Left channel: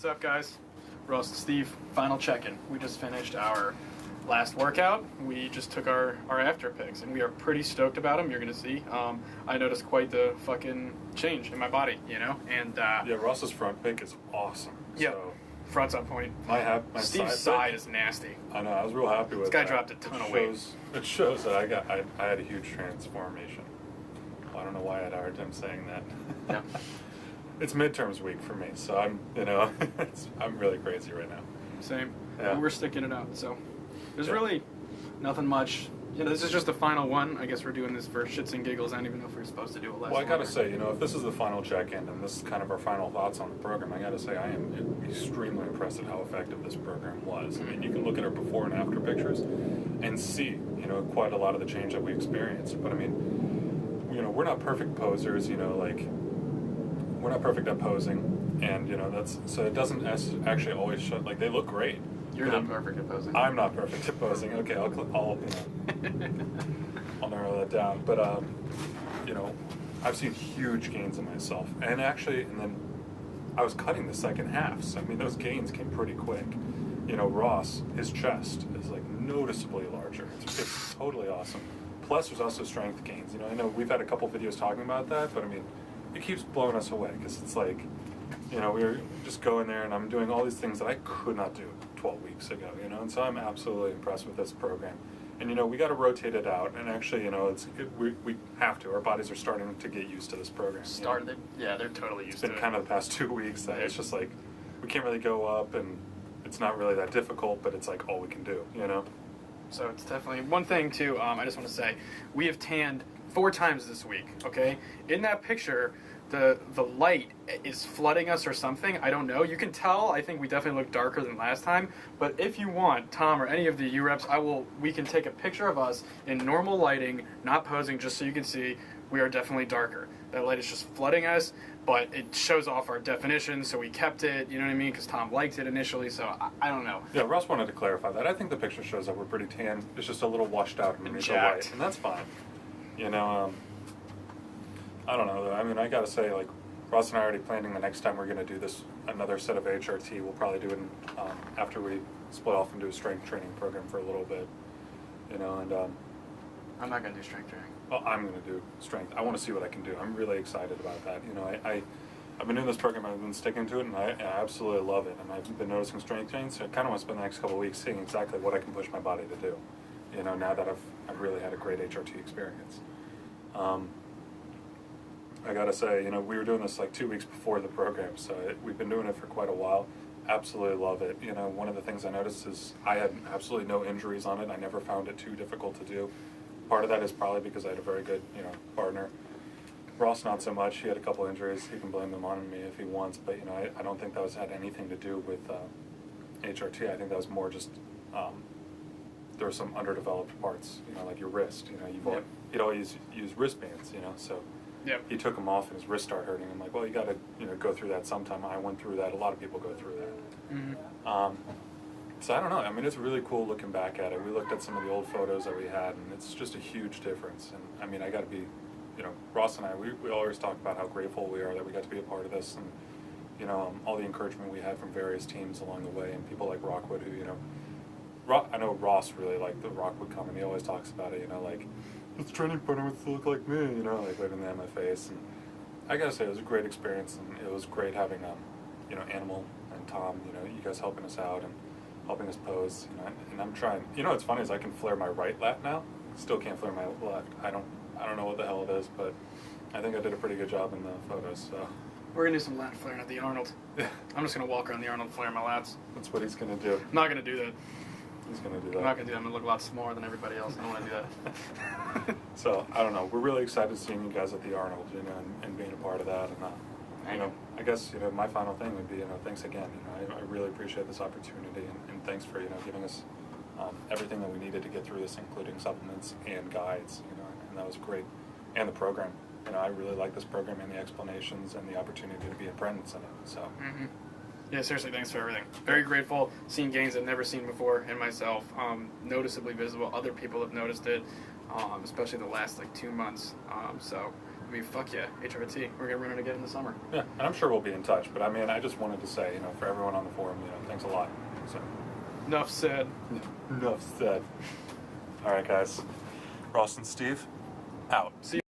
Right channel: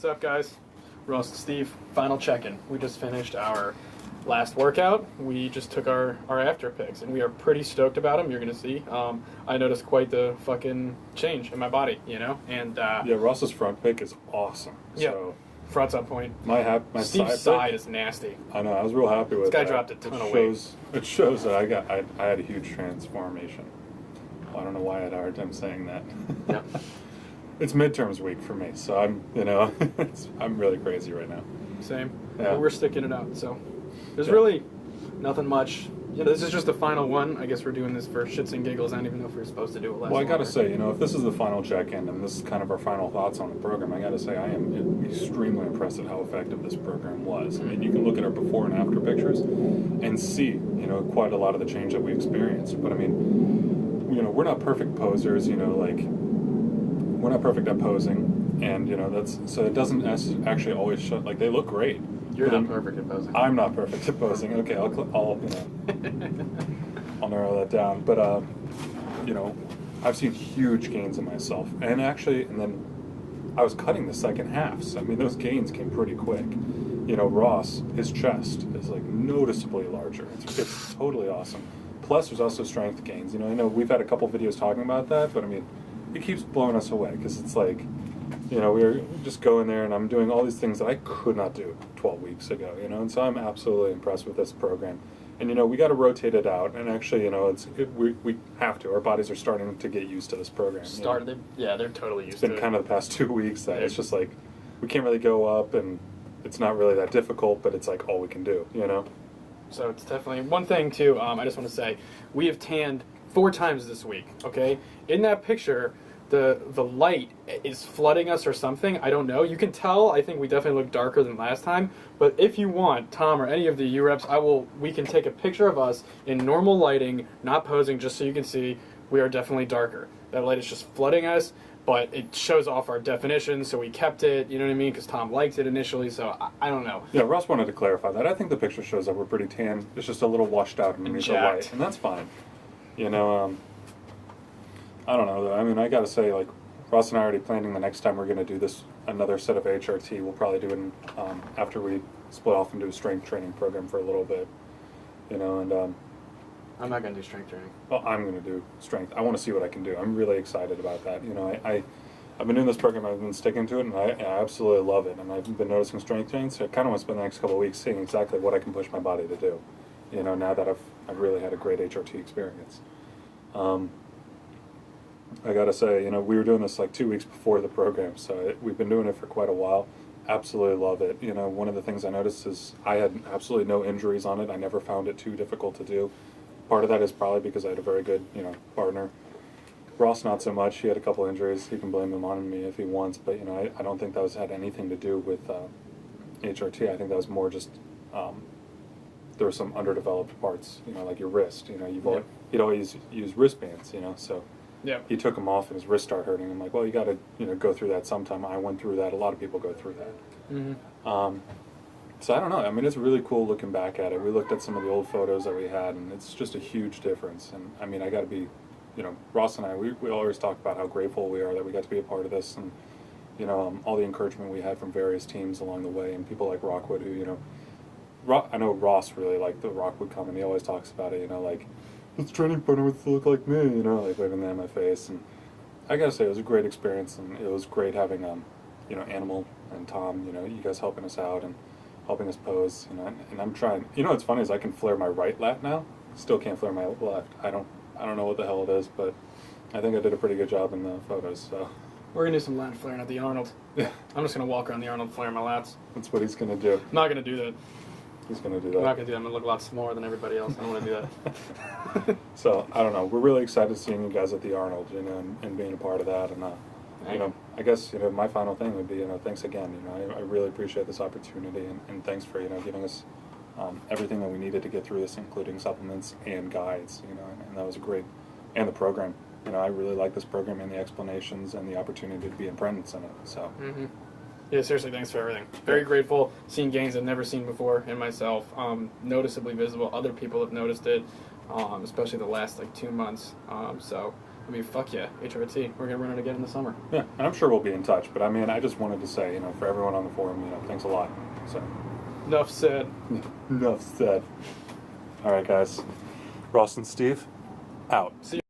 What's up, guys? Ross and Steve, final check-in. We just finished our last workout. We just took our after pics, and we are pretty stoked about them. You're going to see. I noticed quite the fucking change in my body, And yeah, Ross's front pic is awesome. Yeah, so front's on point. my Steve's side is nasty. I know. I was real happy with This guy that. dropped a ton of weight. It shows that I had a huge transformation. I don't know why I had a hard time saying that. Yep. It's midterms week for me, so I'm really crazy right now. Same. Yeah. But we're sticking it out. So there's Yeah. really nothing much. This is just the final one. I guess we're doing this for shits and giggles. I don't even know if we're supposed to do it last. Well, I gotta say, if this is the final check-in and this is kind of our final thoughts on the program, I gotta say I am extremely impressed at how effective this program was. I mean, you can look at our before and after pictures and see, quite a lot of the change that we experienced. But I mean, we're not perfect posers, we're not perfect at posing, and so it doesn't actually always show. Like, they look great. You're not perfect at posing. I'm not perfect at posing. Okay, I'll narrow that down. But I've seen huge gains in myself, and then I was cutting the second half. So I mean, those gains came pretty quick. Ross, his chest is like noticeably larger. It's totally awesome. Plus, there's also strength gains. I know we've had a couple videos talking about that, but I mean, it keeps blowing us away because it's like, we just go in there and I'm doing all these things that I could not do 12 weeks ago, and so I'm absolutely impressed with this program. And, we got to rotate it out, and actually, we have to. Our bodies are starting to get used to this program. They're totally used to it. It's been kind of the past 2 weeks that it's just like, we can't really go up, and it's not really that difficult, but it's like all we can do, So it's definitely one thing too. I just want to say we have tanned 4 times this week. Okay, in that picture, the light is flooding us or something. I don't know. You can tell. I think we definitely look darker than last time. But if you want, Tom or any of the U-Reps, we can take a picture of us in normal lighting, not posing, just so you can see we are definitely darker. That light is just flooding us, but it shows off our definition, so we kept it, you know what I mean? Because Tom liked it initially, so I don't know. Yeah, Ross wanted to clarify that. I think the picture shows that we're pretty tan. It's just a little washed out underneath the light, and that's fine. I don't know. I mean, I gotta say, like, Ross and I are already planning the next time we're gonna do this, another set of HRT. We'll probably do it after we split off and do a strength training program for a little bit, and I'm not going to do strength training. well, I'm going to do strength. I want to see what I can do. I'm really excited about that. I've been in this program, I've been sticking to it, and I absolutely love it. And I've been noticing strength training, so I kind of want to spend the next couple of weeks seeing exactly what I can push my body to do. Now that I've really had a great HRT experience. I gotta say, we were doing this like 2 weeks before the program, so we've been doing it for quite a while. Absolutely love it. One of the things I noticed is I had absolutely no injuries on it. I never found it too difficult to do. Part of that is probably because I had a very good, partner. Ross, not so much. He had a couple injuries. He can blame them on me if he wants, but I don't think that had anything to do with HRT. I think that was more just there were some underdeveloped parts, like your wrist. He'd always use wristbands, so. Yeah. He took them off and his wrist started hurting. I'm like, well, you got to go through that sometime. I went through that. A lot of people go through that. Mm-hmm. So I don't know. I mean, it's really cool looking back at it. We looked at some of the old photos that we had, and it's just a huge difference. And I mean, I got to be, Ross and I, we always talk about how grateful we are that we got to be a part of this, and all the encouragement we had from various teams along the way, and people like Rockwood, who I know Ross really liked the Rockwood comment. He always talks about it, like, this training partner would look like me, like waving that in my face. And I gotta say, it was a great experience, and it was great having, Animal and Tom, you guys helping us out and helping us pose, and I'm trying. What's funny is I can flare my right lat now. Still can't flare my left. I don't know what the hell it is, but I think I did a pretty good job in the photos. So we're gonna do some lat flaring at the Arnold. Yeah. I'm just gonna walk around the Arnold flaring my lats. That's what he's gonna do. I'm not gonna do that. He's gonna do that. I'm not gonna do that. I'm gonna look a lot smaller than everybody else. I don't want to do that. So I don't know. We're really excited seeing you guys at the Arnold, and being a part of that. And I guess my final thing would be thanks again. I really appreciate this opportunity, and thanks for giving us everything that we needed to get through this, including supplements and guides. And that was great. And the program. I really like this program and the explanations and the opportunity to be in presence in it. So. Mm-hmm. Yeah, seriously, thanks for everything. Very grateful. Seen gains I've never seen before in myself. Noticeably visible. Other people have noticed it, especially the last 2 months. So I mean, fuck yeah, HRT. We're gonna run it again in the summer. Yeah, and I'm sure we'll be in touch. But I mean, I just wanted to say, for everyone on the forum, thanks a lot. So, Enough said. enough said. All right, guys. Ross and Steve, out. See you.